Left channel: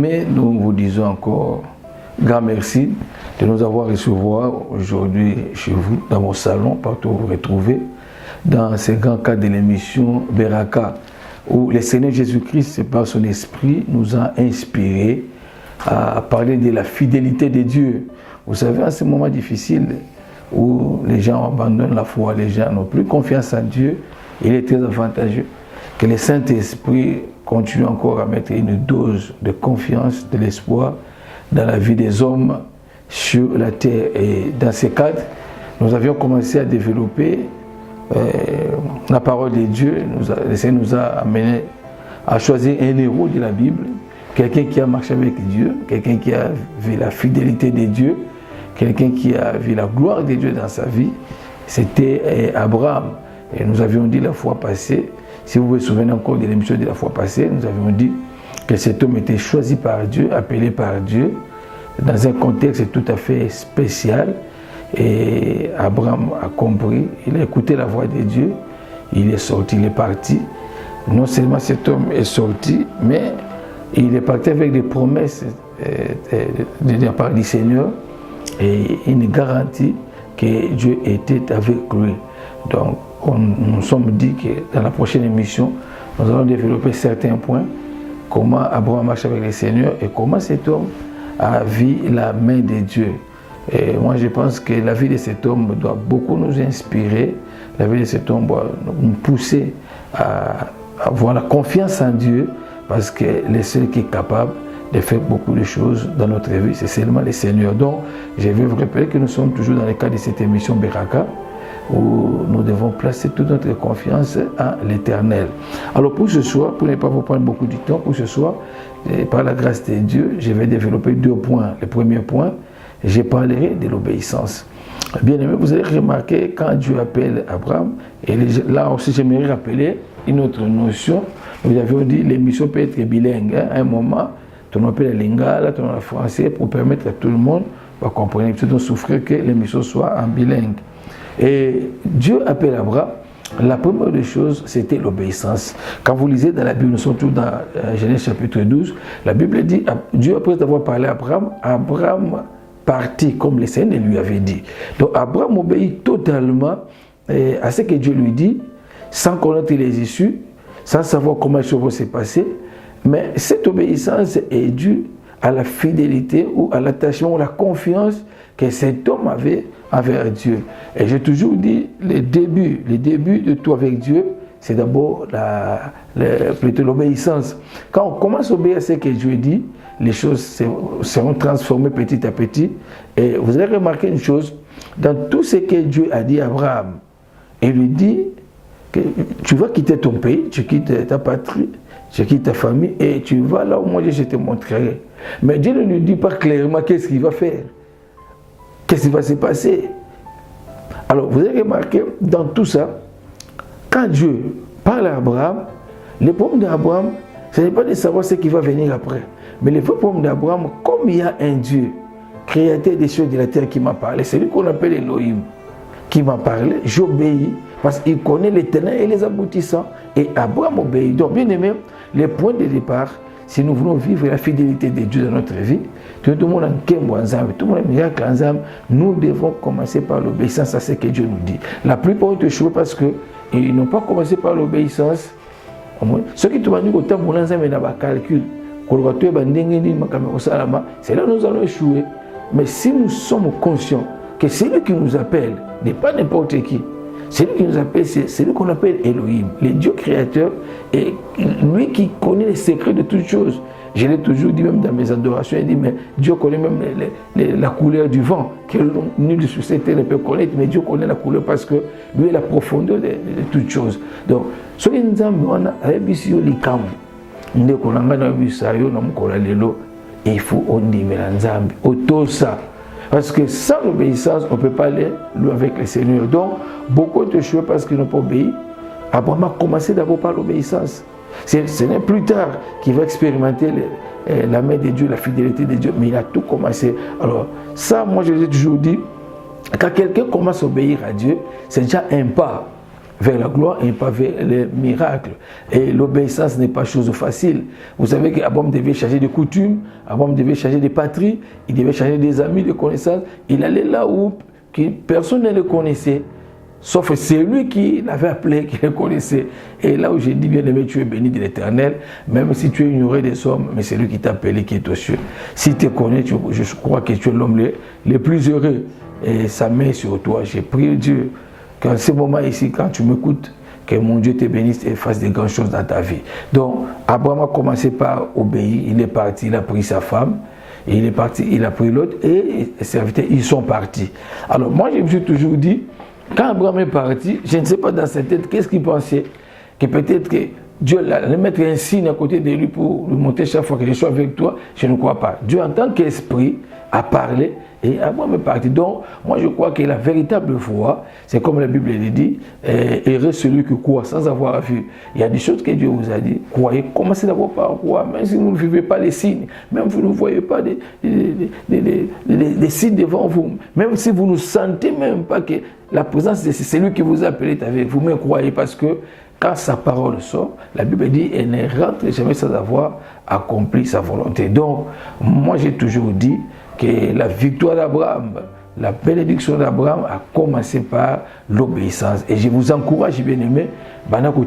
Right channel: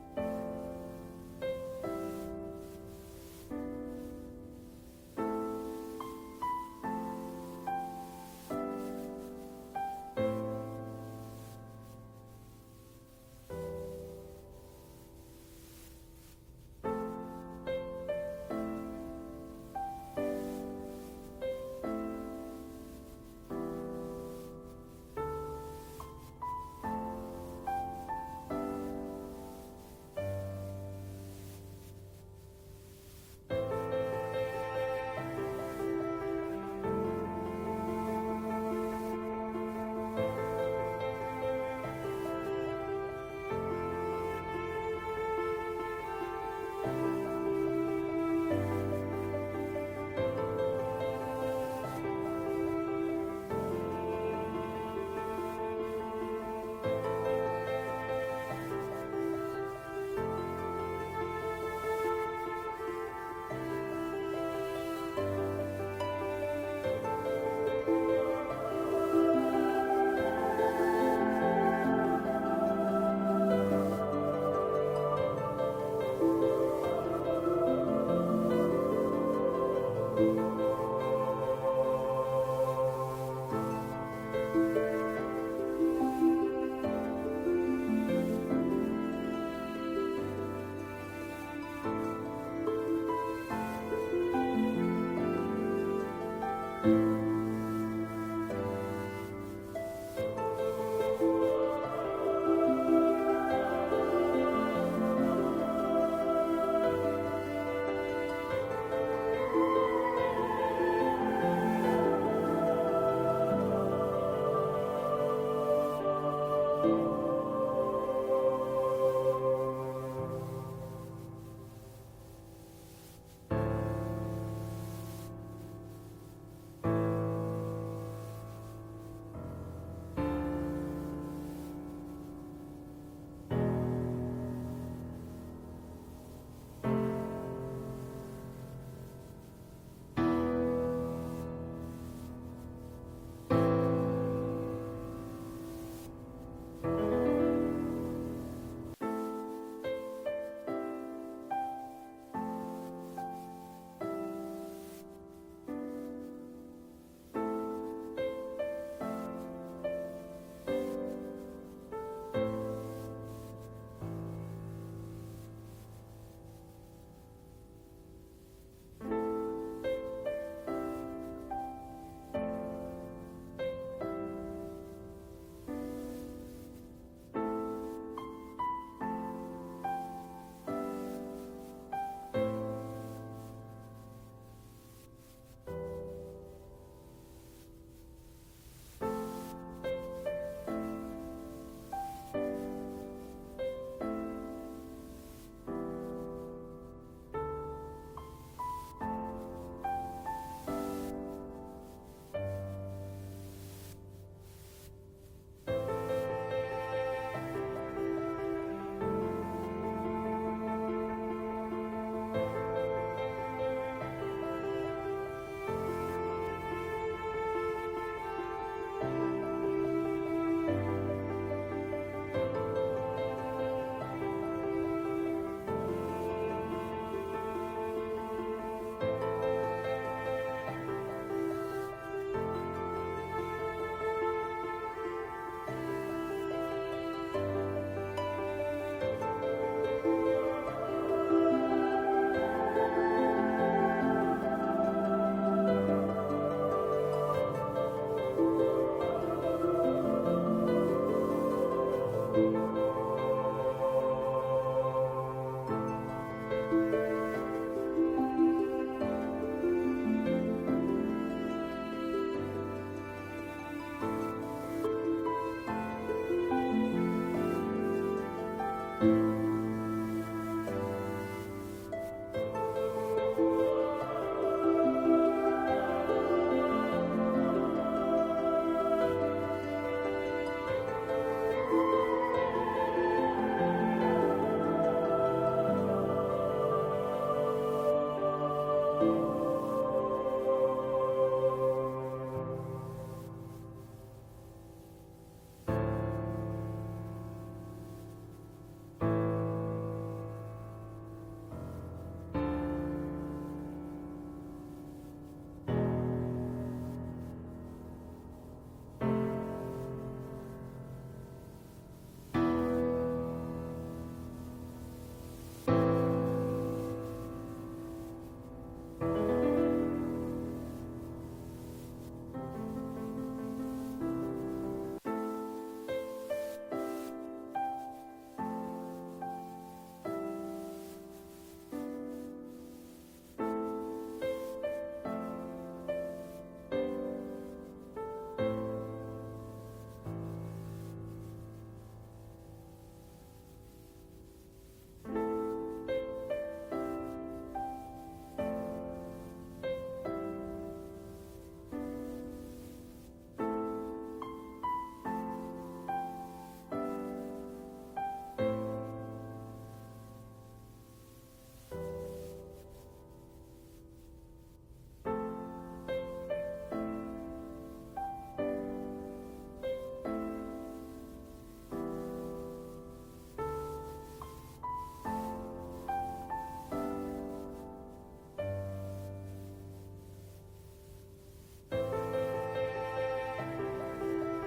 Bien-aimés, nous vous disons encore grand merci de nous avoir recevoir aujourd'hui chez vous, dans vos salons, partout où vous vous retrouvez, dans ce grand cadre de l'émission Beraka, où le Seigneur Jésus-Christ, par son esprit, nous a inspirés à parler de la fidélité de Dieu. Vous savez, en ce moment difficile où les gens abandonnent la foi, les gens n'ont plus confiance en Dieu, il est très avantageux que le Saint-Esprit continue encore à mettre une dose de confiance, de l'espoir dans la vie des hommes sur la terre. Et dans ce cadre, nous avions commencé à développer la parole de Dieu. Le Seigneur nous a amené à choisir un héros de la Bible, quelqu'un qui a marché avec Dieu, quelqu'un qui a vu la fidélité de Dieu, quelqu'un qui a vu la gloire de Dieu dans sa vie. C'était Abraham. Et nous avions dit la fois passée, si vous vous souvenez encore de l'émission de la fois passée, nous avions dit que cet homme était choisi par Dieu, appelé par Dieu, dans un contexte tout à fait spécial. Et Abraham a compris, il a écouté la voix de Dieu, il est sorti, il est parti. Non seulement cet homme est sorti, mais il est parti avec des promesses de la part du Seigneur et une garantie que Dieu était avec lui. Donc, nous sommes dit que dans la prochaine émission, nous allons développer certains points, comment Abraham marche avec le Seigneur et comment cet homme a vu la main de Dieu. Et moi, je pense que la vie de cet homme doit beaucoup nous inspirer, la vie de cet homme doit nous pousser à avoir la confiance en Dieu, parce que le seul qui est capable de faire beaucoup de choses dans notre vie, c'est seulement le Seigneur. Donc, je vais vous rappeler que nous sommes toujours dans le cadre de cette émission Beraka, où nous devons placer toute notre confiance à l'Éternel. Alors pour ce soir, pour ne pas vous prendre beaucoup de temps, pour ce soir, par la grâce de Dieu, je vais développer deux points. Le premier point, je parlerai de l'obéissance. Bien aimé, vous allez remarquer quand Dieu appelle Abraham, et là aussi j'aimerais rappeler une autre notion. Nous avions dit l'émission peut être bilingue. À un moment, on appelle la lingala, on appelle français pour permettre à tout le monde de comprendre, de souffrir que l'émission soit en bilingue. Et Dieu appelle Abraham. La première des choses, c'était l'obéissance. Quand vous lisez dans la Bible, nous sommes tous dans Genèse chapitre 12, la Bible dit, Dieu après avoir parlé à Abraham, Abraham partit comme le Seigneur lui avait dit. Donc Abraham obéit totalement à ce que Dieu lui dit, sans connaître les issues, sans savoir comment les choses vont se passer. Mais cette obéissance est due à la fidélité ou à l'attachement ou à la confiance que cet homme avait envers Dieu. Et j'ai toujours dit, le début de tout avec Dieu, c'est d'abord plutôt l'obéissance. Quand on commence à obéir à ce que Dieu dit, les choses seront transformées petit à petit. Et vous allez remarquer une chose, dans tout ce que Dieu a dit à Abraham, il lui dit que tu vas quitter ton pays, tu quittes ta patrie, tu quittes ta famille et tu vas là où moi je te montrerai. Mais Dieu ne lui dit pas clairement qu'est-ce qu'il va faire. Qu'est-ce qui va se passer? Alors, vous avez remarqué, dans tout ça, quand Dieu parle à Abraham, le problème d'Abraham, ce n'est pas de savoir ce qui va venir après. Mais le vrai problème d'Abraham, comme il y a un Dieu, créateur des cieux et de la terre qui m'a parlé, c'est lui qu'on appelle Elohim, qui m'a parlé, j'obéis, parce qu'il connaît les ténèbres et les aboutissants. Et Abraham obéit. Donc, bien aimé, le point de départ, si nous voulons vivre la fidélité de Dieu dans notre vie, tout le monde nous devons commencer par l'obéissance à ce que Dieu nous dit. La plupart des choses, parce qu'ils n'ont pas commencé par l'obéissance. Ce qui te dit que calcul, c'est là que nous allons échouer. Mais si nous sommes conscients que c'est lui qui nous appelle, n'est pas n'importe qui, c'est lui qui nous appelle, c'est lui qu'on appelle Elohim, le Dieu créateur, et lui qui connaît les secrets de toutes choses. Je l'ai toujours dit même dans mes adorations, il dit, mais Dieu connaît même la couleur du vent, que nul sur cette terre ne peut connaître, mais Dieu connaît la couleur parce que lui est la profondeur de toutes choses. Donc, ce qui nous a dit, il faut ça. Parce que sans l'obéissance, on ne peut pas aller loin avec le Seigneur. Donc, beaucoup de choses parce qu'ils n'ont pas obéi. Abraham a commencé d'abord par l'obéissance. Ce n'est plus tard qu'il va expérimenter la main de Dieu, la fidélité de Dieu, mais il a tout commencé. Alors, ça, moi, je l'ai toujours dit, quand quelqu'un commence à obéir à Dieu, c'est déjà un pas vers la gloire et pas vers les miracles. Et l'obéissance n'est pas chose facile. Vous savez qu'Abraham devait changer de coutumes, Abraham devait changer de patrie, il devait changer des amis, de connaissances. Il allait là où personne ne le connaissait. Sauf c'est lui qui l'avait appelé, qui le connaissait. Et là où j'ai dit, bien aimé, tu es béni de l'Éternel, même si tu es ignoré des hommes, mais c'est lui qui t'a appelé, qui est aux cieux. Si tu connais, je crois que tu es l'homme le plus heureux. Et sa main sur toi. J'ai prié Dieu qu'en ce moment ici, quand tu m'écoutes, que mon Dieu te bénisse et fasse de grandes choses dans ta vie. Donc, Abraham a commencé par obéir. Il est parti, il a pris sa femme. Et il est parti, il a pris l'autre et les serviteurs, ils sont partis. Alors, moi, je me suis toujours dit, quand Abraham est parti, je ne sais pas dans sa tête, qu'est-ce qu'il pensait? Que peut-être que Dieu allait mettre un signe à côté de lui pour lui montrer chaque fois que je suis avec toi. Je ne crois pas. Dieu, en tant qu'esprit, a parlé et Abraham est parti. Donc, moi, je crois que la véritable foi, c'est comme la Bible le dit, heureux celui qui croit sans avoir vu. Il y a des choses que Dieu vous a dit. Croyez, commencez d'abord par croire, même si vous ne vivez pas les signes, même si vous ne voyez pas des signes devant vous, même si vous ne sentez même pas que la présence de celui qui vous a appelé est avec vous, mais croyez parce que quand sa parole sort, la Bible dit, elle ne rentre jamais sans avoir accompli sa volonté. Donc, moi, j'ai toujours dit que la victoire d'Abraham, la bénédiction d'Abraham a commencé par l'obéissance. Et je vous encourage, bien aimé,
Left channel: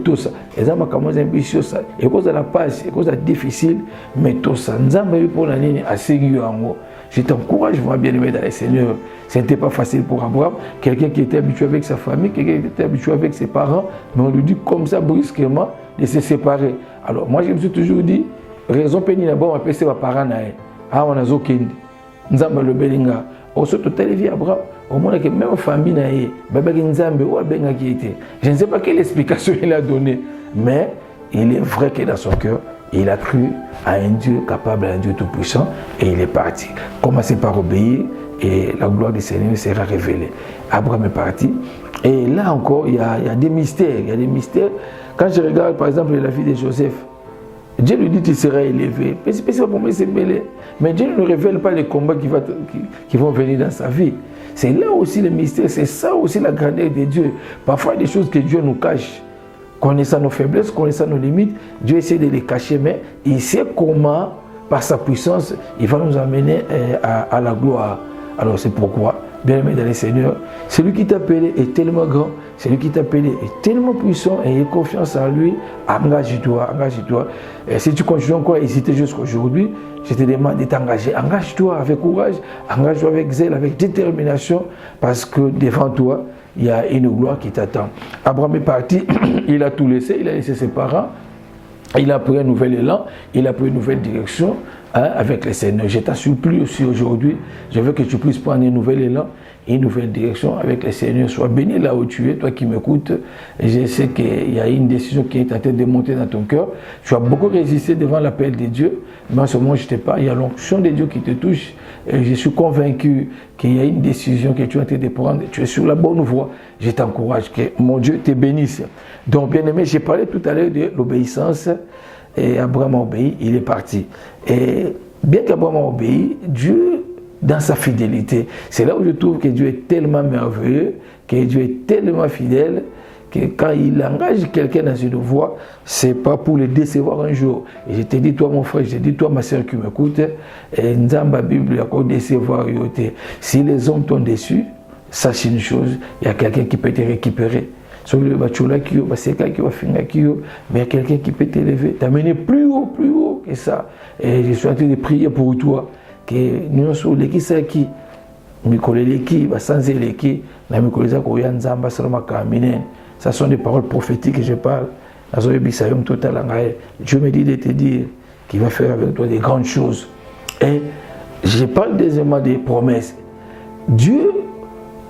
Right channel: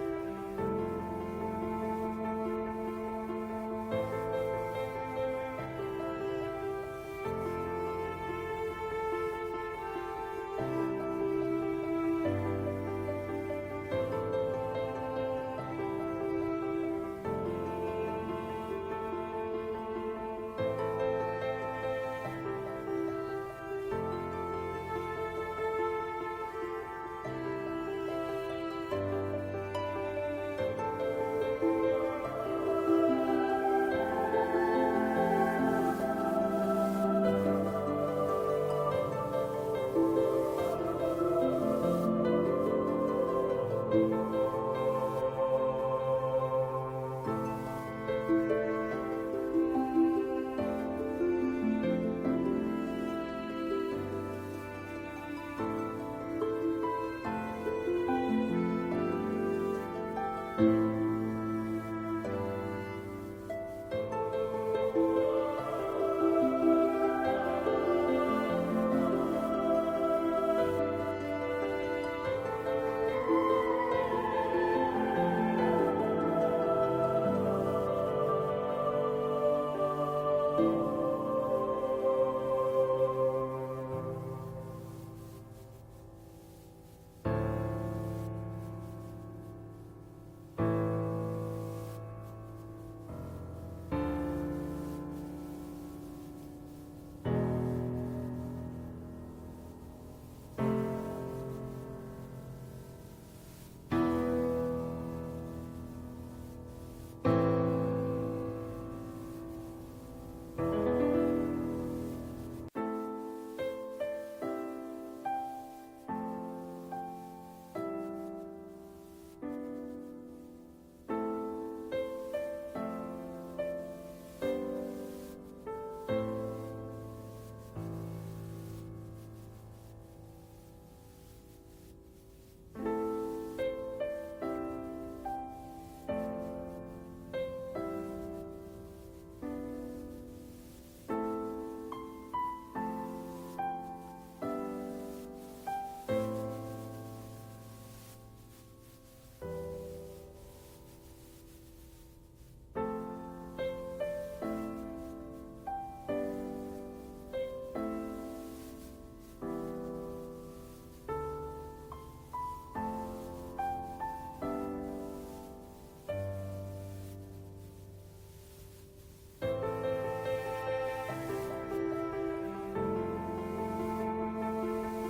tout ça. Et ça m'a commencé à ambitieux ça. Et cause de la passe, et cause de la difficile, mais tout ça. Nous avons eu pour la ligne assez en je t'encourage, moi, bien aimé dans le Seigneur. Ce n'était pas facile pour Abraham. Quelqu'un qui était habitué avec sa famille, quelqu'un qui était habitué avec ses parents, mais on lui dit comme ça brusquement de se séparer. Alors, moi, je me suis toujours dit, raison pénible, d'abord, on appelle ses parents. Ah, on a zokendi. Nous avons le belinga. On se télévise Abraham. Au moins, que même famille, je ne sais pas quelle explication il a donnée, mais il est vrai que dans son cœur, il a cru à un Dieu capable, à un Dieu tout-puissant, et il est parti. Commencez par obéir, et la gloire du Seigneur sera révélée. Abraham est parti, et là encore, il y a des mystères. Il y a des mystères. Quand je regarde, par exemple, la vie de Joseph, Dieu lui dit qu'il sera élevé. Mais c'est pas pour moi, c'est mêlé. Mais Dieu ne révèle pas les combats qui vont venir dans sa vie. C'est là aussi le mystère, c'est ça aussi la grandeur de Dieu. Parfois, il y a des choses que Dieu nous cache. Connaissant nos faiblesses, connaissant nos limites, Dieu essaie de les cacher, mais il sait comment, par sa puissance, il va nous amener à la gloire. Alors c'est pourquoi, bien aimé dans le Seigneur, celui qui t'a appelé est tellement grand, celui qui t'a appelé est tellement puissant et aie confiance en lui, engage-toi, engage-toi. Et si tu continues encore à hésiter jusqu'à aujourd'hui, je te demande de t'engager. Engage-toi avec courage, engage-toi avec zèle, avec détermination, parce que devant toi, il y a une gloire qui t'attend. Abraham est parti, il a tout laissé, il a laissé ses parents, il a pris un nouvel élan, il a pris une nouvelle direction avec le Seigneur. Je t'en supplie aussi aujourd'hui, je veux que tu puisses prendre un nouvel élan, une nouvelle direction avec le Seigneur. Sois béni là où tu es, toi qui m'écoutes. Je sais qu'il y a une décision qui est en train de monter dans ton cœur. Tu as beaucoup résisté devant l'appel de Dieu, mais en ce moment, je ne t'ai pas. Il y a l'onction de Dieu qui te touche. Et je suis convaincu qu'il y a une décision que tu es en train de prendre. Tu es sur la bonne voie. Je t'encourage, que mon Dieu te bénisse. Donc, bien aimé, j'ai parlé tout à l'heure de l'obéissance. Et Abraham a obéi, il est parti. Et bien qu'Abraham a obéi, Dieu, dans sa fidélité, c'est là où je trouve que Dieu est tellement merveilleux, que Dieu est tellement fidèle, que quand il engage quelqu'un dans une voie, ce n'est pas pour le décevoir un jour. Et je te dis, toi mon frère, je te dis, toi ma soeur qui m'écoute, dans la Bible, il y a encore décevoir. Si les hommes t'ont déçu, sache une chose, il y a quelqu'un qui peut te récupérer. Sur le bachula qui va sécar qui va finir qui mais il y a quelqu'un qui peut t'élever, t'amener plus haut que ça. Et je suis en train de prier pour toi que nous sommes les qui c'est qui les qui va sans les qui la mikoleza ko yanzamba salama kaminen. Ça sont des paroles prophétiques que je parle. Dieu me dit de te dire qu'il va faire avec toi des grandes choses. Et je parle deuxièmement des promesses. Dieu,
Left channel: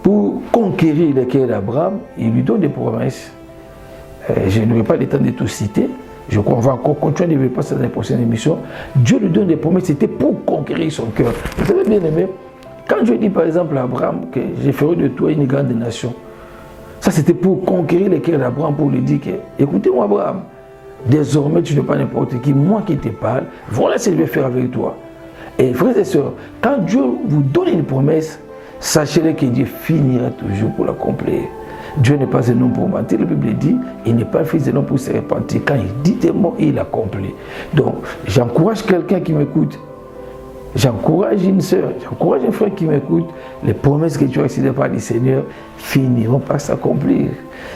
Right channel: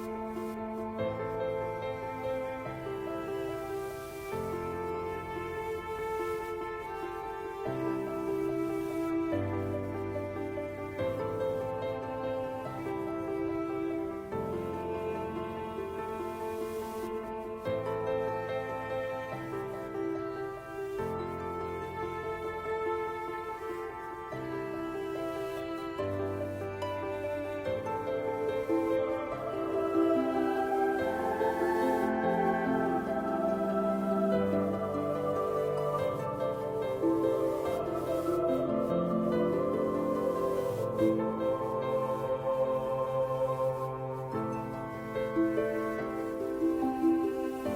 pour conquérir le cœur d'Abraham, il lui donne des promesses. Je n'aurai pas le temps de tout citer. Je crois qu'on va encore continuer de passer dans les prochaines émissions. Dieu lui donne des promesses, c'était pour conquérir son cœur. Vous savez bien aimé, quand Dieu dit par exemple à Abraham que je ferai de toi une grande nation, ça c'était pour conquérir le cœur d'Abraham, pour lui dire que, écoutez-moi Abraham, désormais tu n'es pas n'importe qui, moi qui te parle, voilà ce que je vais faire avec toi. Et frères et sœurs, quand Dieu vous donne une promesse, sachez que Dieu finira toujours pour l'accomplir. Dieu n'est pas un homme pour mentir. La Bible dit, il n'est pas fils de l'homme pour se repentir. Quand il dit des mots, il accomplit. Donc, j'encourage quelqu'un qui m'écoute. J'encourage une soeur, j'encourage un frère qui m'écoute. Les promesses que tu as reçues de la part du Seigneur finiront par s'accomplir,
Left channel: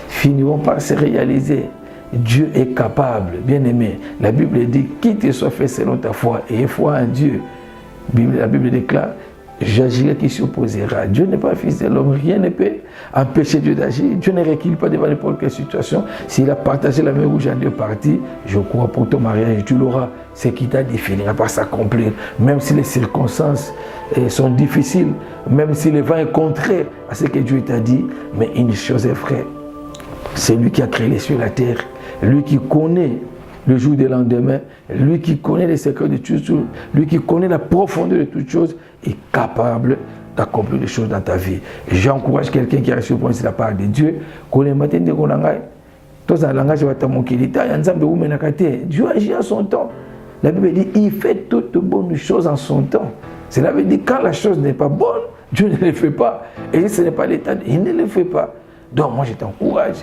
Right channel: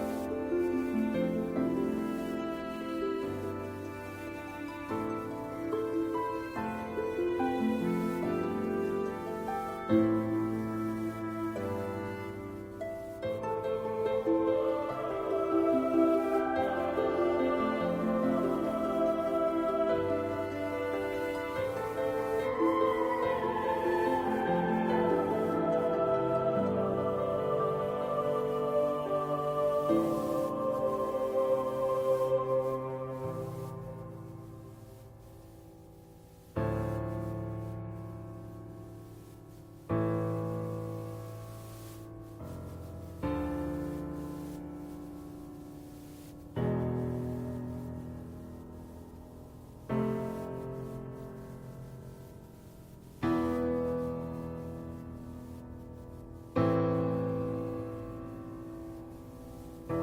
finiront par se réaliser. Dieu est capable, bien aimé. La Bible dit, qu'il te soit fait selon ta foi et foi en Dieu. La Bible déclare, j'agirai qui s'opposera. Dieu n'est pas fils de l'homme, rien ne peut empêcher Dieu d'agir. Dieu ne recule pas devant n'importe quelle situation. S'il a partagé la mer rouge en deux parties, je crois pour ton mariage, tu l'auras. Ce qui t'a dit finira par s'accomplir. Même si les circonstances sont difficiles, même si le vent est contraire à ce que Dieu t'a dit, mais une chose est vraie. C'est lui qui a créé les cieux et la terre. Lui qui connaît le jour du lendemain, lui qui connaît les secrets de toutes choses, lui qui connaît la profondeur de toutes choses, est capable d'accomplir des choses dans ta vie. J'encourage quelqu'un qui a reçu le point de la part de Dieu, qu'on est matin de Gonangai. Tous en langage de Tamokilita, Dieu agit à son temps. La Bible dit, il fait toutes bonnes choses en son temps. Cela veut dire quand la chose n'est pas bonne, Dieu ne le fait pas. Et ce n'est pas l'état, il ne le fait pas. Donc moi je t'encourage.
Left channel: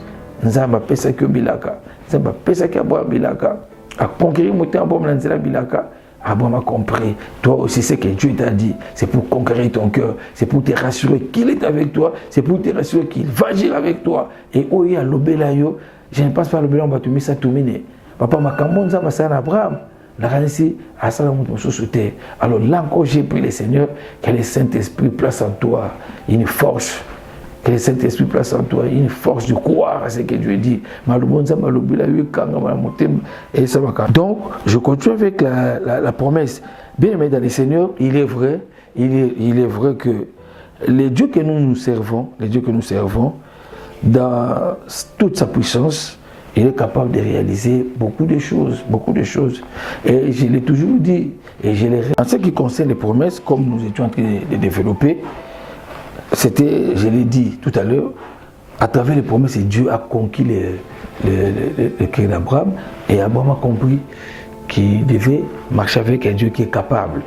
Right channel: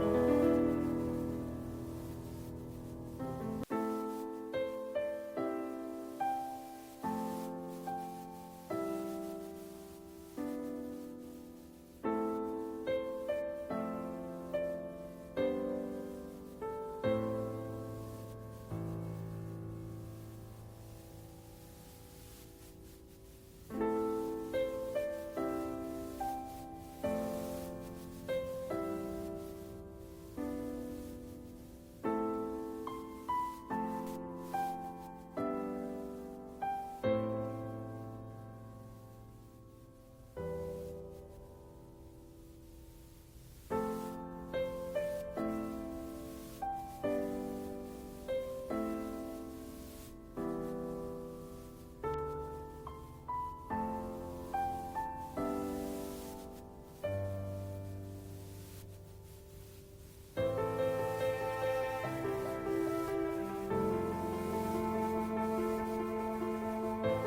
Nzamba pesa ki bilaka, nzamba pesa ki aboa bilaka, à conquérir mon temps bon lanzela bilaka, à bon m'a compris. Toi aussi ce que Dieu t'a dit, c'est pour conquérir ton cœur, c'est pour te rassurer qu'il est avec toi, c'est pour te rassurer qu'il va agir avec toi. Et oya lobelayo, je ne pense pas lobelayo va te mettre ça tout mine. Papa makambo nzamba sana Abraham. La réalité à ça mon société. Alors là encore j'ai pris le Seigneur, que le Saint-Esprit place en toi une force. Que le Saint-Esprit place en toi une force de croire à ce que Dieu dit. Donc, je continue avec la promesse. Bien aimé dans le Seigneur, il est vrai que les dieux que nous servons, dans toute sa puissance, il est capable de réaliser beaucoup de choses. Et je l'ai toujours dit, et je l'ai. En ce qui concerne les promesses, comme nous étions en train de développer, c'était, je l'ai dit tout à l'heure, à travers les promesses, Dieu a conquis le cœur d'Abraham et Abraham a compris qu'il devait marcher avec un Dieu qui est capable.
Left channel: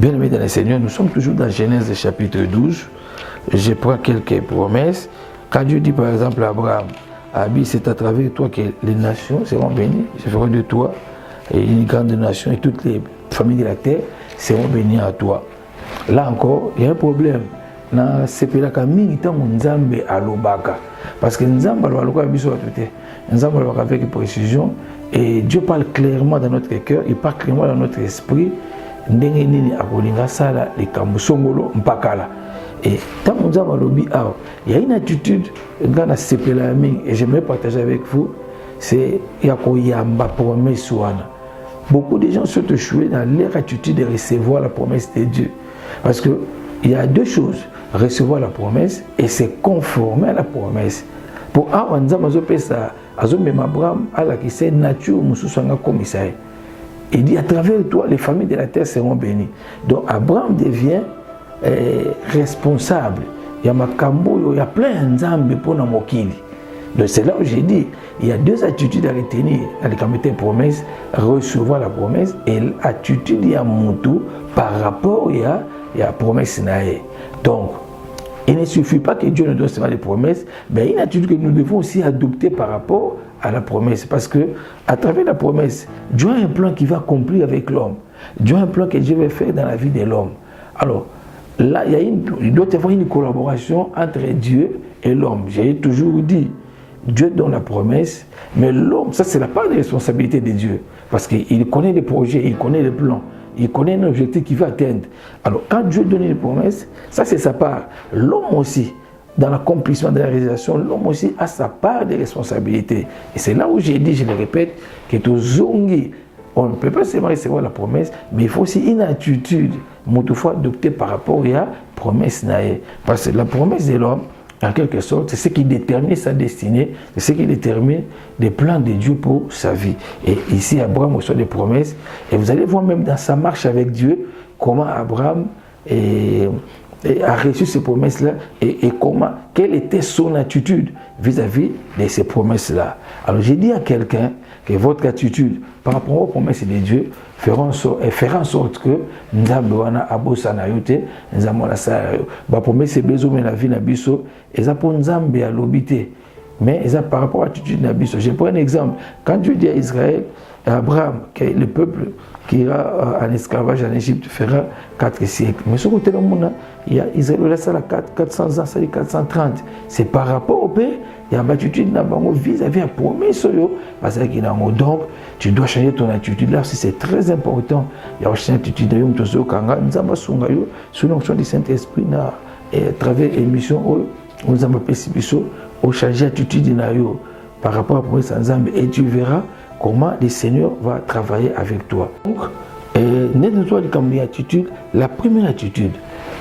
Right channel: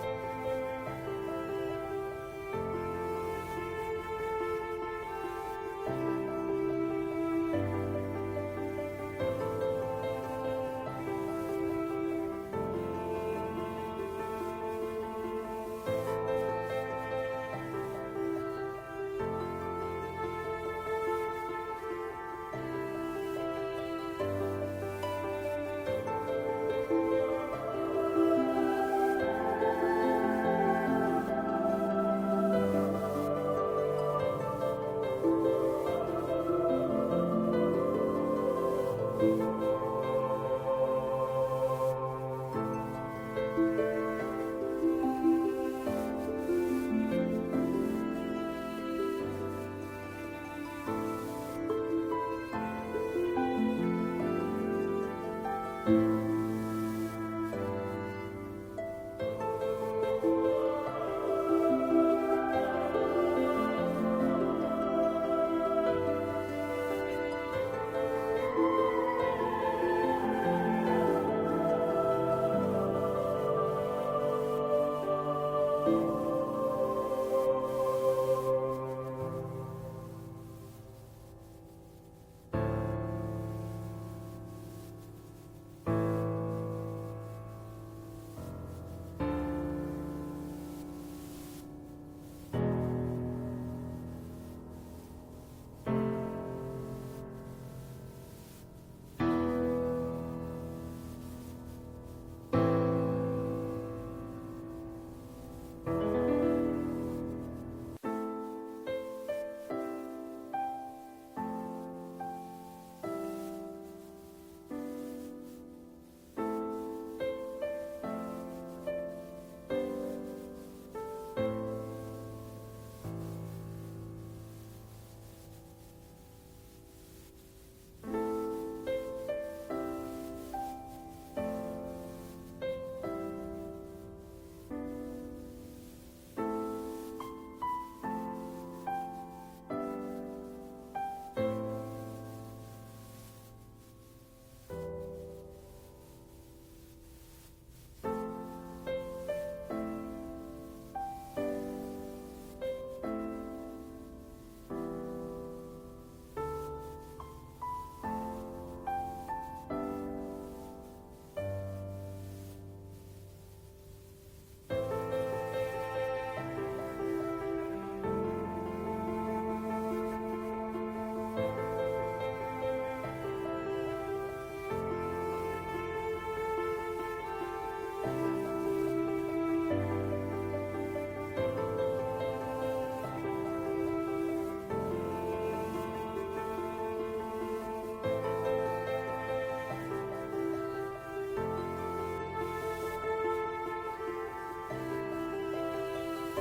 Bien aimé dans le Seigneur, nous sommes toujours dans Genèse chapitre 12. Je prends quelques promesses. Quand Dieu dit par exemple à Abraham, Abi, c'est à travers toi que les nations seront bénies, je ferai de toi et une grande nation et toutes les familles de la terre seront bénies à toi. Là encore, il y a un problème. Na sepelaka mingi tango nzambe alobaka parce que nzambe alobaka biso atote nzambe alobaka avec précision et Dieu parle clairement dans notre cœur, il parle clairement dans notre esprit ndenge nini akolinga sala likambo songolo mpakala et tango nzambe alobi awa il y a une attitude ngana sepela mingi et j'aimerais partager avec vous, c'est yakoyamba promesse wana. Beaucoup de gens sont échoués dans leur attitude de recevoir la promesse de Dieu parce que il y a deux choses, recevoir la promesse et se conformer à la promesse. Pour Abraham, Abraham a la nature commissaire. Il dit à travers toi, les familles de la terre seront bénies. Donc Abraham devient responsable. Il y a Makambo, il y a plein d'enzambes pour nos mokili. Donc c'est là où j'ai dit, il y a deux attitudes à retenir dans les comités de promesse, recevoir la promesse et l'attitude il y a Moutou par rapport à la promesse naïe. Donc, il ne suffit pas que Dieu nous donne seulement des promesses, mais une attitude que nous devons aussi adopter par rapport à la promesse. Parce que, à travers la promesse, Dieu a un plan qui va accomplir avec l'homme. Dieu a un plan que Dieu va faire dans la vie de l'homme. Alors, là, il doit y avoir une collaboration entre Dieu et l'homme. J'ai toujours dit, Dieu donne la promesse, mais l'homme, ça c'est la part de responsabilité de Dieu. Parce qu'il connaît les projets, il connaît les plans. Il connaît un objectif qu'il veut atteindre. Alors, quand Dieu donne une promesse, ça c'est sa part. L'homme aussi, dans l'accomplissement de la réalisation, l'homme aussi a sa part de responsabilité. Et c'est là où j'ai dit, je le répète, que tout zongi, on ne peut pas seulement recevoir la promesse, mais il faut aussi une attitude, toutefois adoptée par rapport à la promesse naïe. Parce que la promesse de l'homme, en quelque sorte, c'est ce qui détermine sa destinée, c'est ce qui détermine les plans de Dieu pour sa vie. Et ici, Abraham reçoit des promesses, et vous allez voir même dans sa marche avec Dieu, comment Abraham a reçu ces promesses-là, et quelle était son attitude vis-à-vis de ces promesses-là. Alors j'ai dit à quelqu'un que votre attitude par rapport aux promesses de Dieu fera en sorte que Nzambe wana abosana yote, Nzambe wana sa ba promesse bezo mais la vie na biso, et ça pour Nzambe alobité. mais ça par rapport à l'attitude d'Abisso. Je prends un exemple. Quand Dieu dit à Israël, à Abraham, que le peuple qui ira en esclavage en Égypte fera 4 siècles. Mais ce côté-là, il y a Israël, là, ça 400 ans, ça 430. C'est par rapport au pays, il y a une attitude vis-à-vis de la promesse. Donc, tu dois changer ton attitude là, c'est très important. Il y a aussi une attitude sous l'onction du Saint-Esprit, à travers l'émission, nous avons changer l'attitude par rapport à la promesse ensemble et tu verras comment le Seigneur va travailler avec toi. Donc, la première attitude,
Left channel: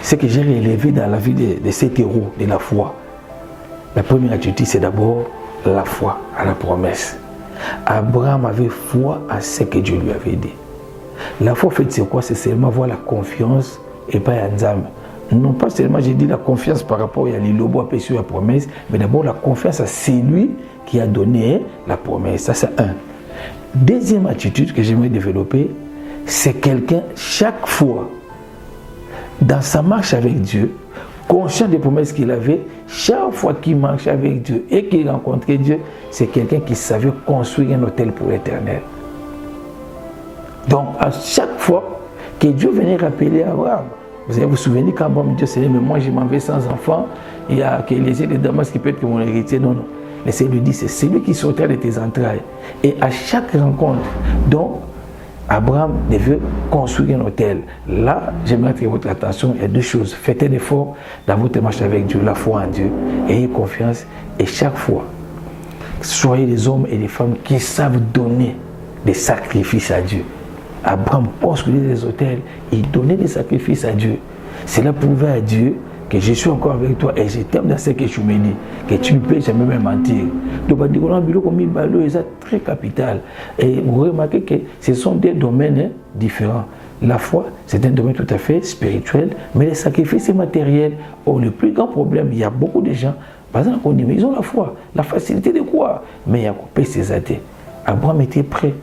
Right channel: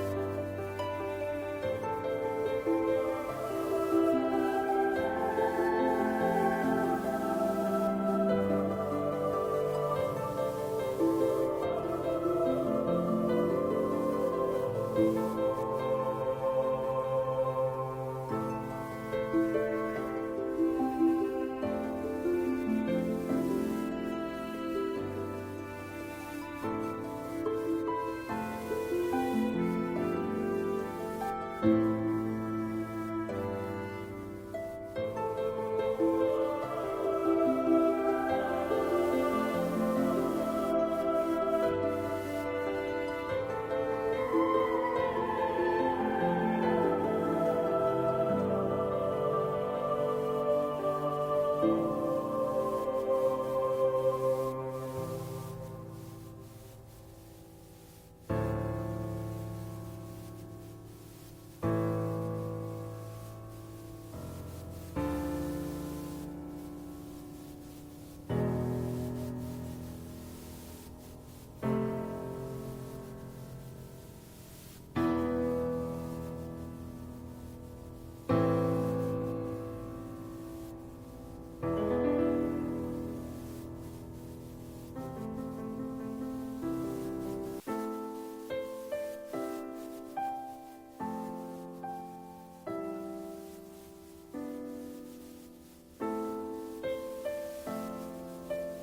c'est que j'ai relevé dans la vie de cet héros de la foi. La première attitude, c'est d'abord la foi à la promesse. Abraham avait foi à ce que Dieu lui avait dit. La foi, en fait, c'est quoi? C'est seulement avoir la confiance et pas Nzambe. Non pas seulement, j'ai dit la confiance par rapport à l'Ilobo à sur la promesse, mais d'abord la confiance à celui qui a donné la promesse. Ça, c'est un. Deuxième attitude que j'aimerais développer, c'est quelqu'un, chaque fois, dans sa marche avec Dieu, conscient des promesses qu'il avait, chaque fois qu'il marche avec Dieu et qu'il rencontrait Dieu, c'est quelqu'un qui savait construire un hôtel pour l'éternel. Donc, à chaque fois que Dieu venait rappeler à Abraham, vous allez vous souvenir quand Abraham dit, Seigneur, mais moi je m'en vais sans enfant, il y a que les de Damas qui peut être mon héritier. Non, non. Le Seigneur lui dit, c'est celui qui sortira de tes entrailles. Et à chaque rencontre, donc, Abraham devait construire un hôtel. Là, j'aimerais attirer votre attention, il y a deux choses. Faites un effort dans votre marche avec Dieu, la foi en Dieu. Ayez confiance et chaque fois, soyez des hommes et des femmes qui savent donner des sacrifices à Dieu. Abraham construisait des hôtels, il donnait des sacrifices à Dieu. Cela prouvait à Dieu que je suis encore avec toi et je t'aime dans ce que tu me dis, que tu ne peux jamais me mentir. Donc, c'est très capital. Et vous remarquez que ce sont des domaines différents. La foi, c'est un domaine tout à fait spirituel, mais les sacrifices, c'est matériel. Oh, le plus grand problème, il y a beaucoup de gens, par exemple, on dit, mais ils ont la foi, la facilité de quoi? Mais il y a coupé ses athées. Abraham était prêt.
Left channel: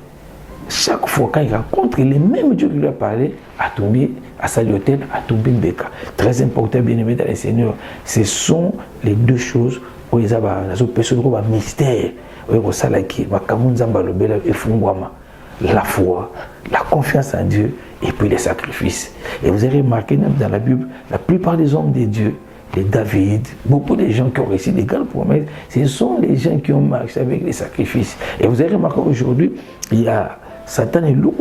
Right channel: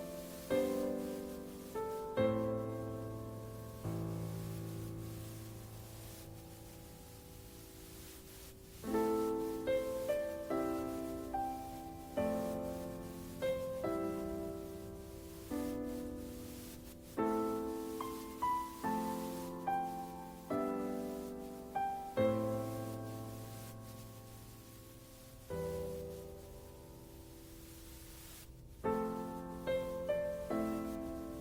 Chaque fois quand il rencontre les mêmes Dieu qui lui a parlé, à tomber à sa hôtel, à tomber Beka. Très important, bien aimé dans les Seigneurs. Ce sont les deux choses où ils ont un mystère. La foi, la confiance en Dieu et puis les sacrifices. Et vous avez remarqué même dans la Bible, la plupart des hommes de Dieu, les David, beaucoup de gens qui ont réussi des grandes promesses, ce sont les gens qui ont marché avec les sacrifices. Et vous avez remarqué aujourd'hui, il y a Satan et l'eau,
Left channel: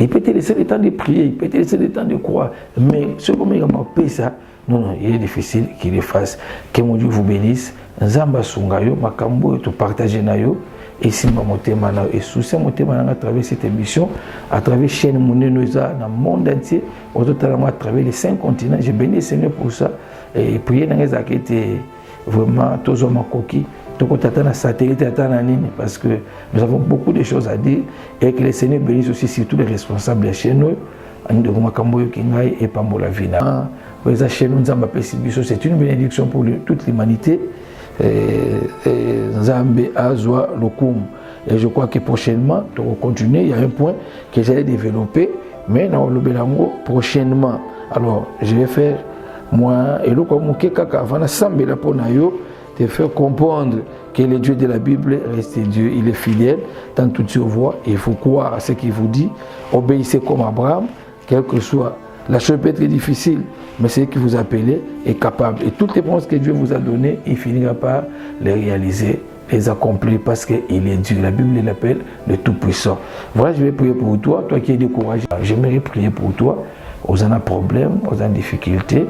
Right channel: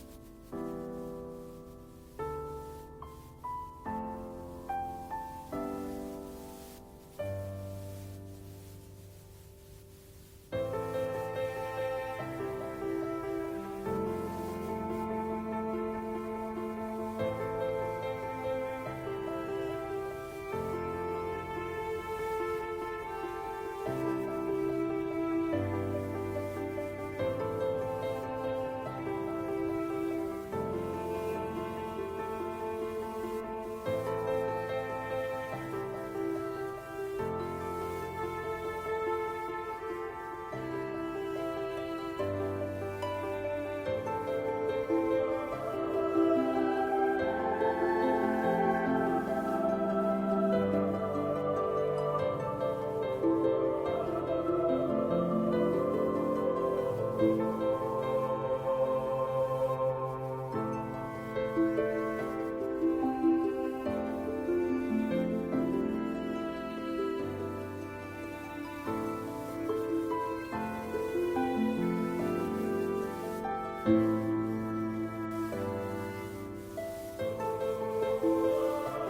il peut te laisser le temps de prier, il peut te laisser le temps de croire, mais ce moment il ça, non, il est difficile qu'il le fasse. Que mon Dieu vous bénisse. Nzamba sungayo, makambo et tout partager nayo. Et si ma motema na et sous ces motema à travers cette émission, à travers chaîne Monenoisa dans le monde entier, au total à travers les 5 continents. Je bénis le Seigneur pour ça et prier dans les actes vraiment tous hommes coquilles. Donc, on attend la satellite, attend la ligne, parce que nous avons beaucoup de choses à dire et que le Seigneur bénisse aussi surtout les responsables de chez nous, et Pambola Vina. C'est une bénédiction pour toute l'humanité. Nzambe Azwa Lokum. Et je crois que prochainement, on va continuer. Il y a un point que j'allais développer, mais dans le Bélango, prochainement. Alors, je vais faire moi et le Kaka avant de te faire comprendre que le Dieu de la Bible reste Dieu, il est fidèle dans toutes ses voies. Il faut croire à ce qu'il vous dit, obéissez comme Abraham, quel que soit. La chose peut être difficile, mais ce qui vous appelez est capable. Et toutes les promesses que Dieu vous a données, il finira par les réaliser, les accomplir, parce qu'il est Dieu. La Bible l'appelle le Tout-Puissant. Voilà, je vais prier pour toi, toi qui es découragé. J'aimerais prier pour toi. Vous avez un problème, vous avez une difficulté.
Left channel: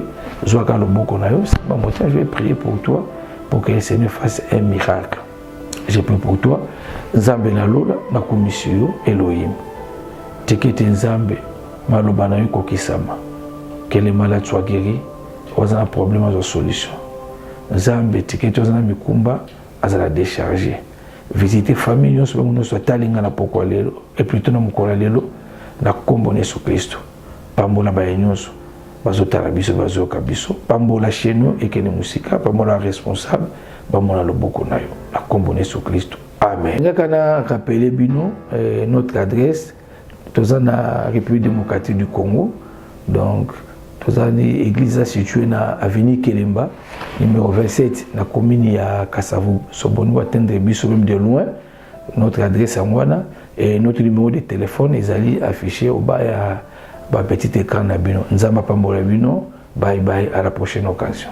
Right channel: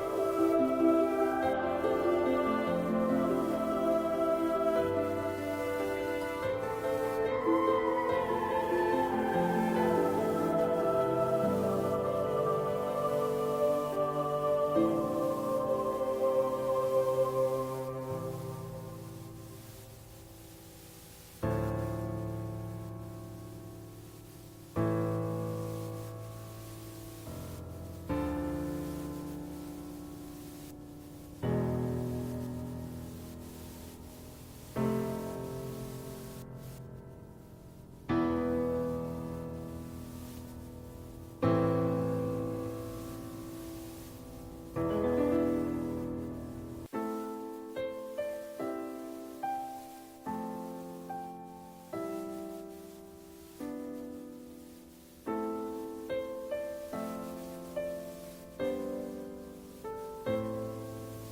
Je vais prier pour toi, pour que le Seigneur fasse un miracle. Je prie pour toi. Nzambe na lola na commission Elohim. Tekete Nzambe maloba na yo kokisama. Que les malades soient guéris. Vous avez un problème, vous avez une solution. Nzambe tekete vous avez mikumba, vous avez déchargé. Visitez famille, nous sommes talinga na poko lelo et plutôt na mukola lelo na kombo Yesu Kristo. Pambola ba nyonso. Bazotala biso bazoka biso pambola chez nous et que les musika pambola responsable bamola loboko na yo na kombo Yesu Kristo. Amen. Ngakana rappeler bino notre adresse tozana République démocratique du Congo, donc tozali église située na avenue Kelemba numéro 27 na commune ya Kasavu. Soboni atteindre biso même de loin. Notre adresse à Mwana et notre numéro de téléphone est affiché au bas à petit écran. Nzamba Pambola Bino. Bye bye, à la prochaine occasion.